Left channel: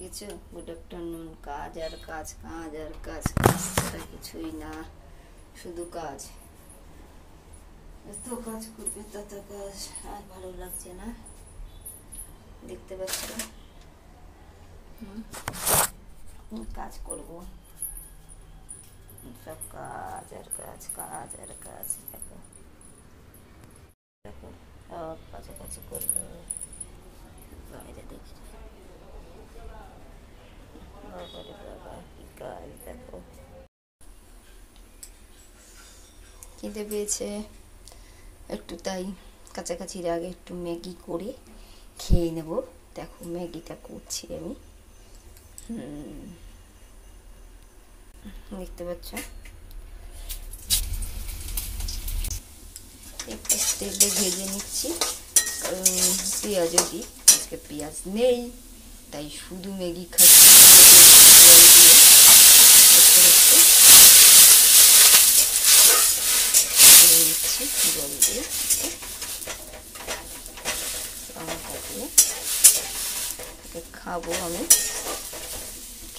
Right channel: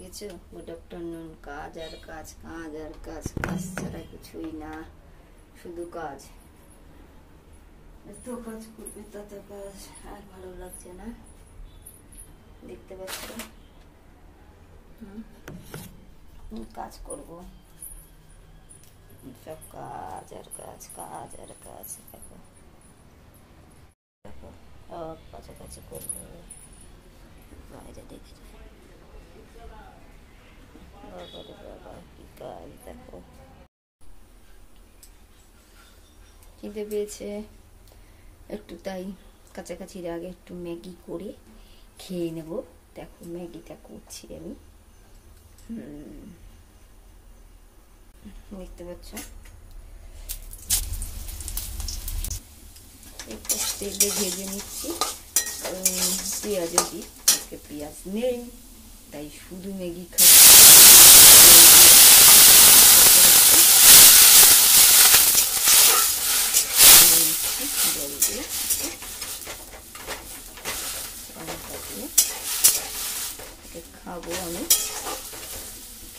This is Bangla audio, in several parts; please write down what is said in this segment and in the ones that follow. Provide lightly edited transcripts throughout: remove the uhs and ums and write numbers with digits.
দেখেছো, গুড আফটারনুন। কাজ আর কাজ, কাজ আর কাজ, কাজ ছাড়া কিছুই না, শুধু কাজ। এত কাজ করবে তত কাজ, আর ভালো লাগছে না, দেখতে পাচ্ছ। কাজ করবো, সব কাজ আর কাজ, কাজ আর কাজ। দেখো দেখো, সব কাছাকাছি করবে। আমি যা দেখছি, বাবা কি কাজ দেখো। খিদে পেয়েছে একটু, তাই কাছাকাছির আগে একটু ম্যাগি করে খেয়ে নেব। দেখো ম্যাগিটা করছি আমি, দেখতে পাচ্ছ। একটু তেলে ভেজে নিচ্ছি, পেঁয়াজও দিই। আজকে পেঁয়াজ নেই, তাই শুধু ম্যাগি খাচ্ছি। জল দিয়ে লঙ্কা দিয়ে খাবো আমি।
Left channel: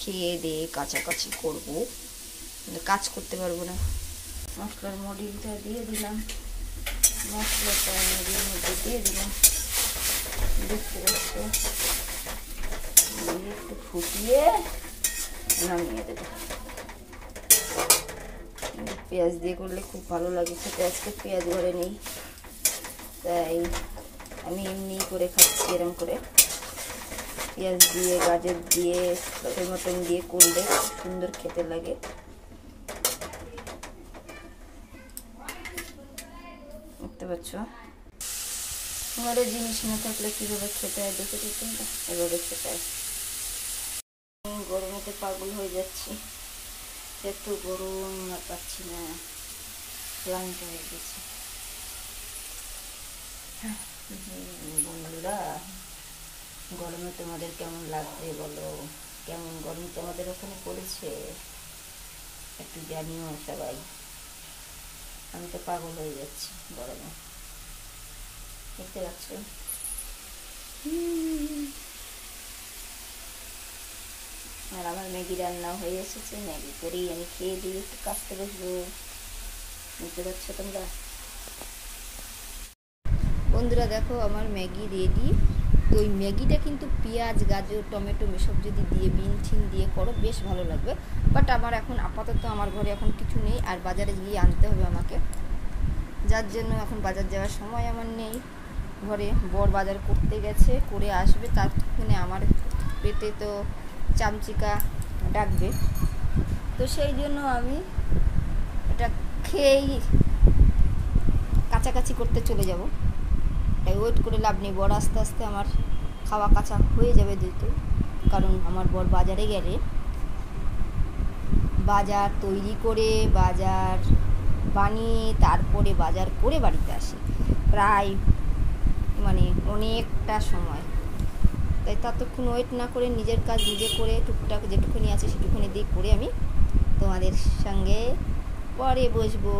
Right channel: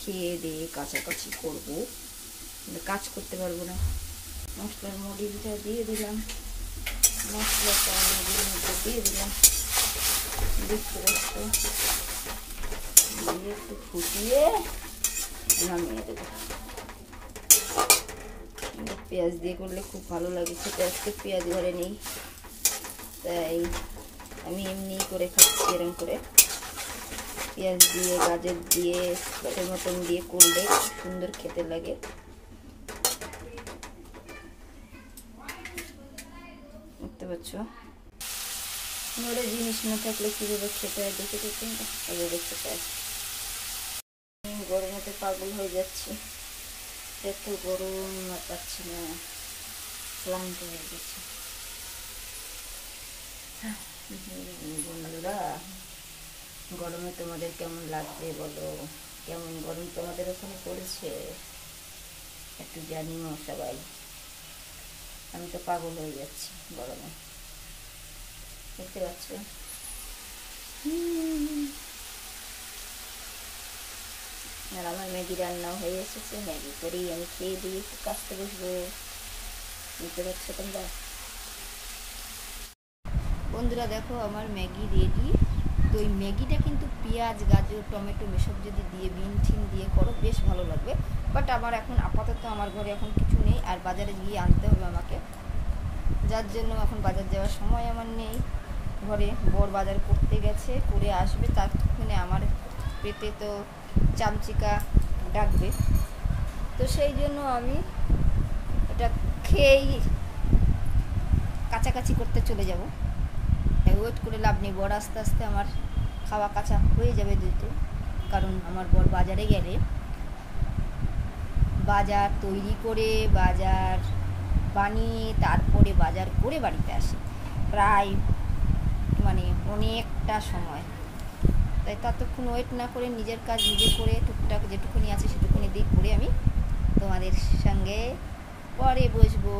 খেয়ে দিয়ে কাছাকাছি করবো, কাজ করতে পারবো না। মশলার মডিলটা দিয়ে দিলাম, মশলাটা ম্যাগির মধ্যে দিয়ে দিলাম, দেখতে পাচ্ছ। দিয়ে একটু ফুটিয়ে নামিয়ে দেবো। পেঁয়াজ দিয়ে করলে খুব ভালো লাগে খেতে। আজকে পেঁয়াজ ঘরে নেই, তাই আমি এমনি করে খাচ্ছি। এরকম করে পেঁয়াজ দিয়ে, গাজর দিয়ে, টমেটো দিয়ে করলে খুব সুন্দর খেতে লাগে। দেখতে পাচ্ছ, ঘরে জিনিস না থাকলে কীভাবে খেতে হয় দেখে দেখুন, এভাবে খেতে হয়। গরমেতে পাগল হয়ে যাচ্ছি, এত গরম আর পাচ্ছি না, ক্লান্ত হয়ে গেছে। বন্ধুরা, গরমে তোমাদের কেমন লাগবে বলো? কেমন গরম তোমাদের ওখানে পড়েছে একটু জানিও সবাই। আমি তো পাগল হয়ে যাচ্ছি গরমে, দেখতে পাচ্ছ। আর আমার ম্যাগি রান্না হয়ে এসেছে, ম্যাগি করেই আমি খেয়ে দিয়ে একটু কাজতে বসবো। বুঝতে পারছো তোমরা? বন্ধুরা দেখো, আমার ম্যাগি রেডি। তো ওই ম্যাগিটা কিন্তু পেঁয়াজ, গাজর, টমেটো এসব যদি দিয়ে, বিন ঠিন দিয়ে করো বেশ ভালো লাগবে। বাট আমার এখন আপাতত আমার ঘরে এখন কিছু নেই, আর বাজারে গিয়ে আনতে হবে আমাকে, যার জন্য এখন বাজার যাওয়ার সময় আমার নেই। ঘরে বর বাজার করতে গেছে, করে আসবে, ততক্ষণে আমার পেটে তো চামচিকা ডাকবে। তো সেই জন্য আমি এটা খেয়েই কাছাকাছি করতে চলে যাব। তাই ওয়েট করে লাভ নেই, বর আস্তে আস্তে আমার খাওয়া কাঁচা হয়ে যাবে দিতে। কারণ আমার বর বাজারে গেলে বাজার তৈরি করে, বাজার বানিয়ে, তারপরে বাজার করে বাড়িতে আসে, প্রায় মানে অনেকটা সময়। তাই ততক্ষণ ওয়েট না করে নিজের কাজ নিজে করে, টুকটাক যেটুকুনি আছে সেটুকুনি দিয়ে করে আমি তোমাদের সঙ্গে পরে বসবো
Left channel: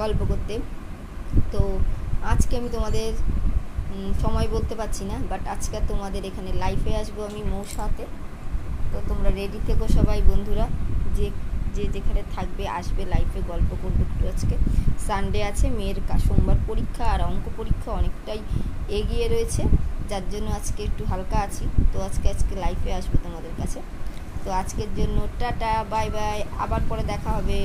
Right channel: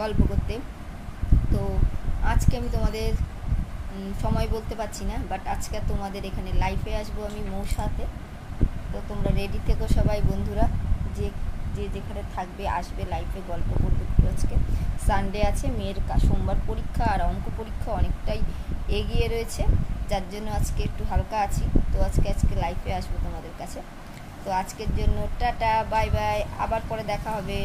গল্প করতে। তো আজকে আমি তোমাদের সময় বলতে পারছি না, বাট আজকে তোমাদের এখানে লাইফে আসবো আমি মৌসাতে। তো তোমরা রেডি থেকো সবাই বন্ধুরা, যে যে যেখানে থাকবে আসবে, লাইফে গল্প করবো একটু। আজকে সানডে আছে, মেয়ের সোমবার পরীক্ষা, আর অঙ্ক পরীক্ষা অনেকটাই এগিয়ে রয়েছে, যার জন্য আজকে একটু হালকা আছি। তো আজকে লাইফে আসবো তোমাদের কাছে। তো আজকের জন্য টাটা, বাই বাই, আবার পরে দেখা হবে।